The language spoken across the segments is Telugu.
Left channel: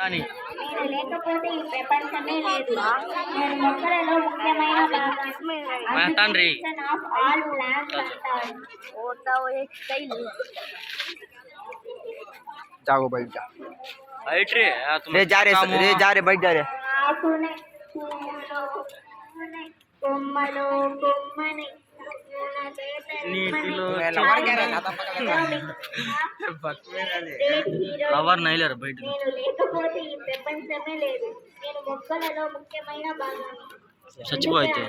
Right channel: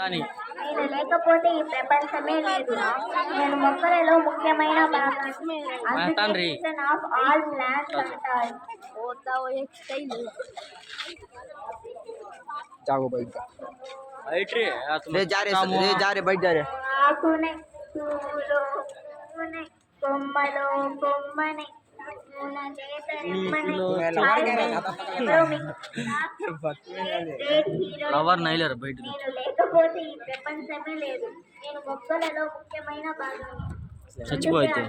నేను లేకపోతే ఈ ప్రపంచమే లేదు. నేను మొక్కలలో ముఖ్యమైన భాగం ఆఫ్ ఆల్ ప్లాంట్స్ అంటారు. जागो बैठ जा रे जा रे बैठ जा रे ఆకునే పువ్వులో పువ్వునే కొమ్మలో కొమ్మనే ఫ్లవర్ నైలర్ బయట. నేను లేకపోతే ఈ ప్రపంచమే లేదు. నేను మొక్కలలో ముఖ్యమైన భాగాన్ని. చచ్చిపోతే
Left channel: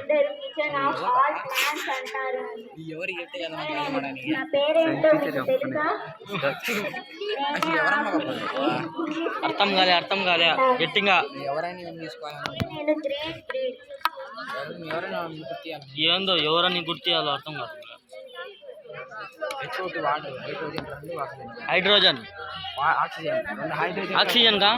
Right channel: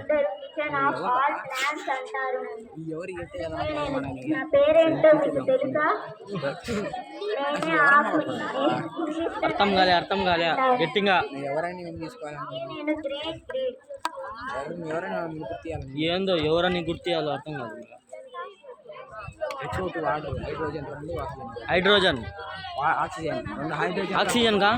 నా పేరేంటో తెలుసా? అర్థం కాలే గట్టిగా. నేను గ్రేట్ గ్రేట్. ఏందో ఎవరని గుర్తియాలో అర్థం కాదు. హైడ్రోజన్ ఆక్సిజన్ కా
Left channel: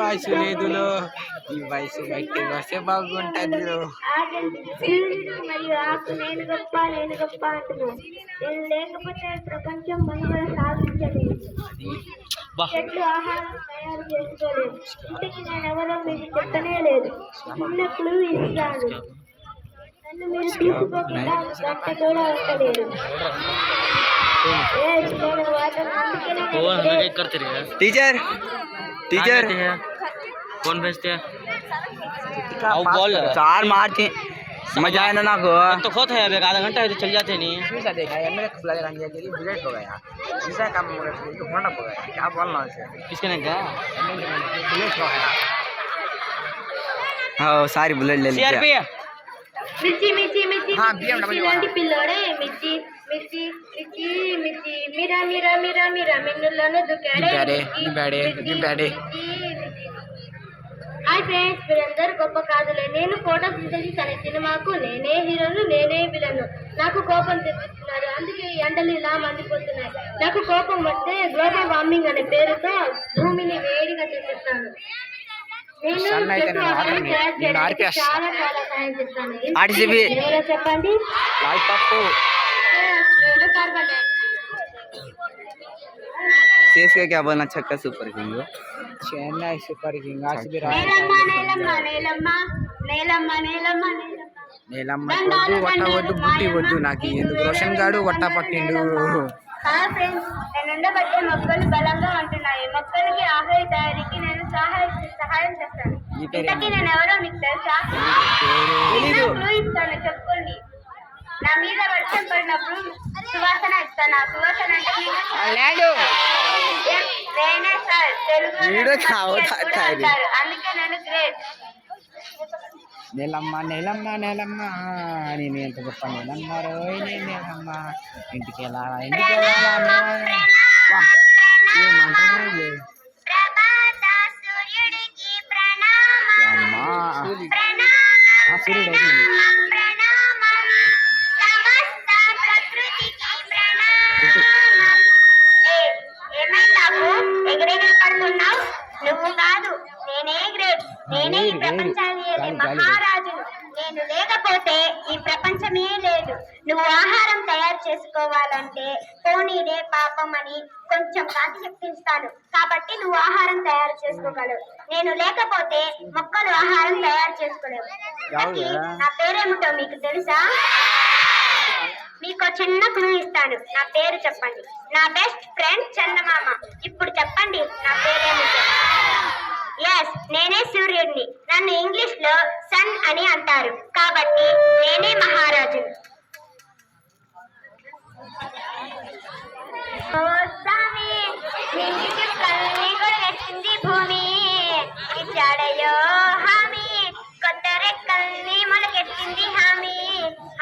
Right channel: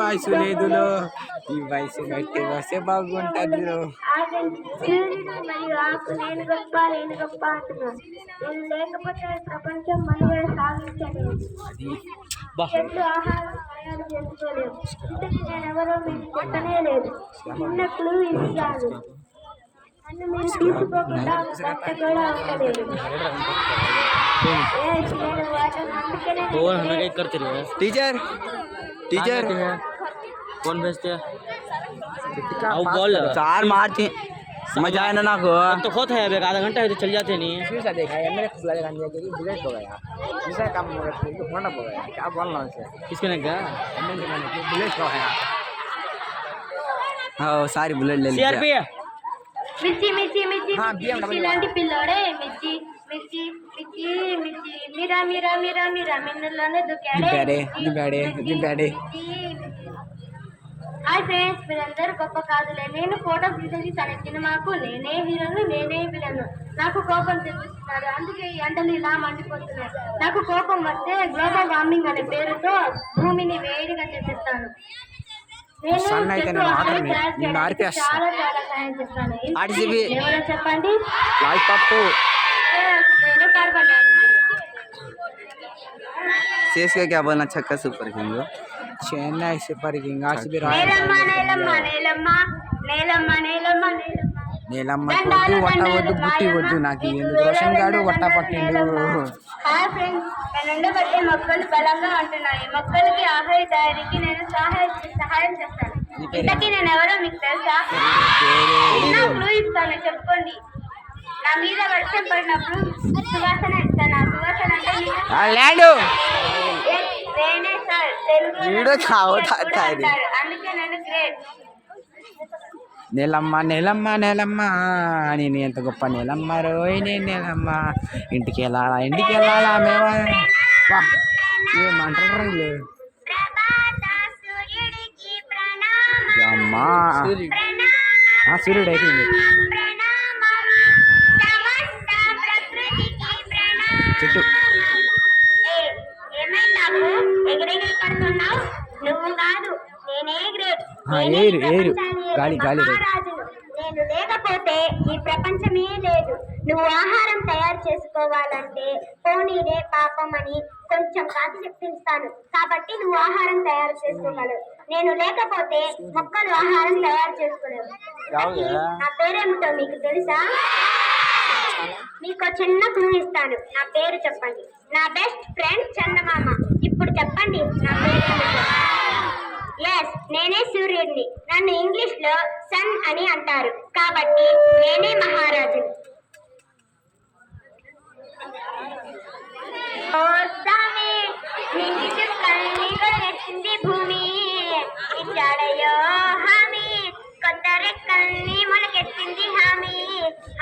వయసు లేదులో ఈ వయసు బట్టి వస్తే బాగుంటది. మరియు ఆకు నేను గొప్ప నేను గొప్ప అంటున్నాను. నేను లేకపోతే ప్రపంచం మనుగడ సాగించలేదు. చెట్లు ఆహారం తయారు చేసుకోలేదు. ఇంటికి నేను ఎవరో మీకు చెప్పనే లేదు. చిన్న క్లూ ఇస్తాను. నన్ను మీరు చూసుకోకుండా గంట కూడా ఉండలేదు. टीचर टीचर कौन भेजते चार मारती मजा आया ना को तो खुद है आधा घंटा तो चल जाते नहीं। देखा मेरे बुलेट हो गया दूसरा काम होंडा हो गया क्या बोलना है किसके ने क्या बुलेट हो गया। हाँ सारी बुलेट ले ली మిర్చి మిర్చి మిర్చి हाँ BMW ఇలాంటి పిల్లోడే మిర్చి మిర్చి మిర్చి మిర్చి మీరా మీరా మీరా మీరా మెన్నులను దుకాడే హాయ్ ఫ్రెండ్స్, మీరందరూ గొప్ప కాదులే. నేను ఫోటోస్ తీసేసి సినిమాకు నేనే హీరోను నేనే విలను. నాకు కోపం తెప్పిస్తున్నారు, అందుకే ఈ ఎండలు ఇలా మండిపోతున్నాయి. నాకు కోపం వస్తే గ్లోబల్ వార్మింగ్ అనే పేరుతో భూమిని వేడిగా చేసేస్తాను. నేను చాలా చాలా సాయం చేస్తాను. ఎవరో చెప్పండి. నేను కార్బన్ सीएसके क्या बोलना छक्का super king Chennai super king RCB నేలమ్మ నేలమ్మ నేలమ్మ నేలమ్మ నేలమ్మ నేలమ్మ వద్దు బుట్టి వద్దు నాకు ఎందుకు రోషన్ గాడు వట్ట పట్టిండు. హాయ్ ఫ్రెండ్స్, నేను ఉండబట్టే మొక్కలు బలంగా ఉంటున్నాయి. మొక్కలకి ఆహార తయారీకి నేను సహాయం చేస్తాను. ఇంతకీ నేను ఎవరో మీకు తెలుసా? క్లూ ఇస్తాను, చెప్పుకోండి. నా మీద వర్షం పడినప్పుడు సువాసన ఇస్తాను. ఆ సువాసన అంటే అందుకే నేను గ్రేట్. నెలమ్మ నెలమ్మ నెలమ్మ నేను ఎంత గొప్ప నెలమ్మ రోయ్ నేను నెలమ్మ ఇంటికి వెళ్ళాలా సూర్యుడు అయిపోయింది. నువ్వు కాదు, నేనే గ్రేట్. నేనే ఈ ప్రపంచాన్ని మహారాజును. నేను లేకపోతే ఈ ప్రపంచమే లేదు. నువ్వు ఆహారం తయారు చేసుకోవాలంటే పోనీనే పాపం అని కొంచెం కాకి చెప్తిస్తాను. కాబట్టి నువ్వు ఆహారం తయారు చేసుకోగలవు. నేను లేకపోతే మొక్కలు ఆహారం తయారు చేసుకోలేవు. నా పేరేమిటో మీకు తెలుసా? మీకు చిన్న క్లూ ఇస్తాను. నా పేరు చెప్పండి. నా బెస్ట్ ఫ్రెండ్ చందమామ. ఇప్పుడు చెప్పండి నా పేరేమిటో. ఎస్, నేనే సూర్యుడిని. నన్ను ఇంగ్లీష్ లో సన్ అని అంటారు. కాబట్టి నేనే మహారాజు. కళ్ళని భూమి ఇచ్చాడయో హామీ, కొత్త రెక్కల్ని మొలకెత్తింది హామీ.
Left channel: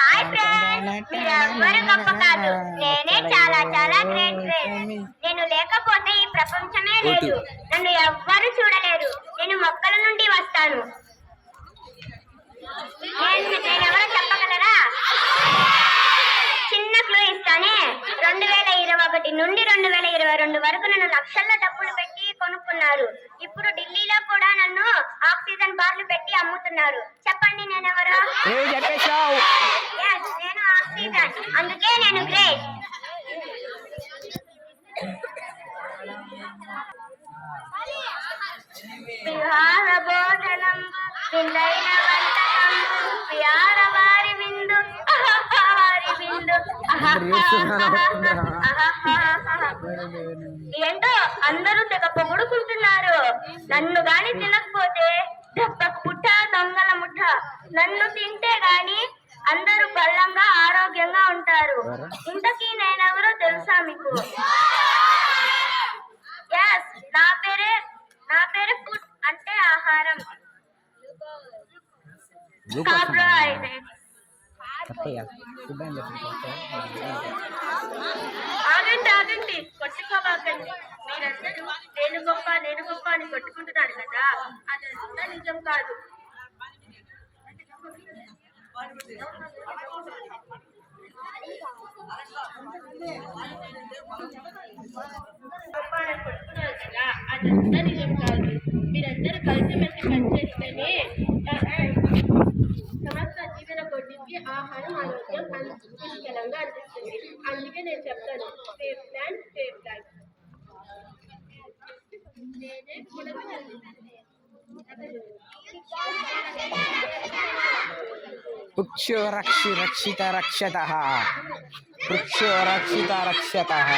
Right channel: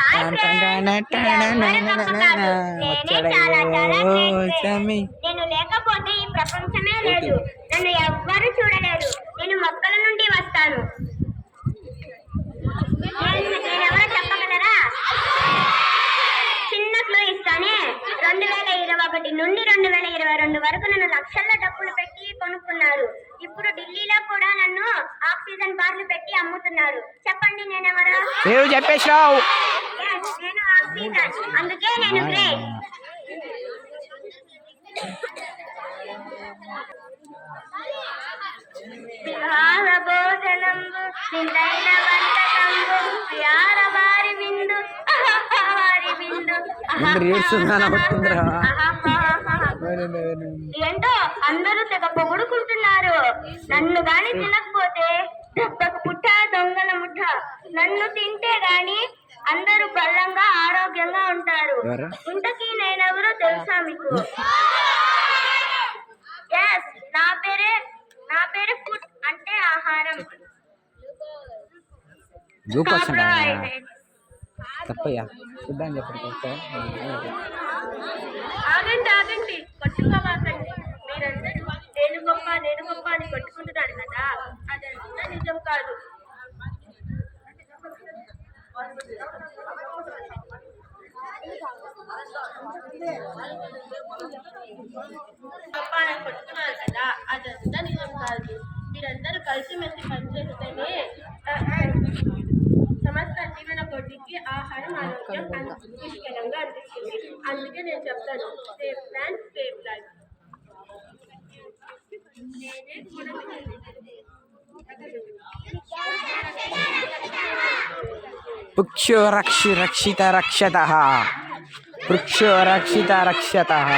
హాయ్ ఫ్రెండ్స్, ఎవరు గొప్ప కాదు, నేనే చాలా చాలా గ్రేట్. నేను లేకపోతే ఈ ప్రపంచమే లేదు. నన్ను ఎవ్వరు చూడలేరు. నేను మొక్కల నుండి వస్తాను. నేనెవరో చెప్పగలరా? చిన్న క్లూ ఇస్తానే. 2021 నుండి 2022 వరకు నన్ను లక్షల్లో డబ్బులు పెట్టి కొనుక్కున్నారు. ఇప్పుడు ఢిల్లీలో కూడా నన్ను ఆక్సిజన్ బార్లు పెట్టి అమ్ముతున్నారు. చెప్పండి నేనెవరు? ఏవి చెప్పేసావు? Yes, నేను ఆక్సిజన్, అందుకే నేను గ్రేట్. విహార భోజనంబు విందైన వంటకంబు విహార వారి విందు వారి విందు ఏంటో అందరూ తెగ పొగుడుకుంటున్నారు. నన్ను గాని తినకపోతే దెబ్బకు పుట్ట దొంగల ముఠ. నన్ను తింటే గాని అందరూ బలంగా ఆరోగ్యంగా ఉంటారు. ఇంతకీ నేనెవరో తెలుసా మీకు? ఎస్, నా పేరే ఫుడ్ అంటే ఆహారం. కార్బోహైడ్రేట్స్. తప్పయ్యా ఫుడ్ అని చెప్పండి. ఆగండి, కొట్టుకోవాకండి. మీరందరూ నేను గొప్ప అని కొట్టుకుంటున్నారు కదా, అదంతా నిజం కాదు. గొప్ప అని కొట్టుకున్నారు కదా, అదంతా నిజం కాదు. మీరందరూ కలిసిమెలిసి పనిచేస్తేనే సమస్త జీవన కొద్దికి ఆహారం ఆరోగ్యం పుష్కలంగా అనిపిస్తుంది. అందుకే నేను చెప్తాను, సేఫ్ ల్యాండ్ సేఫ్ లైఫ్. వృక్షో రక్షిత రక్షతః. వృక్షో రక్షిత రక్షతః.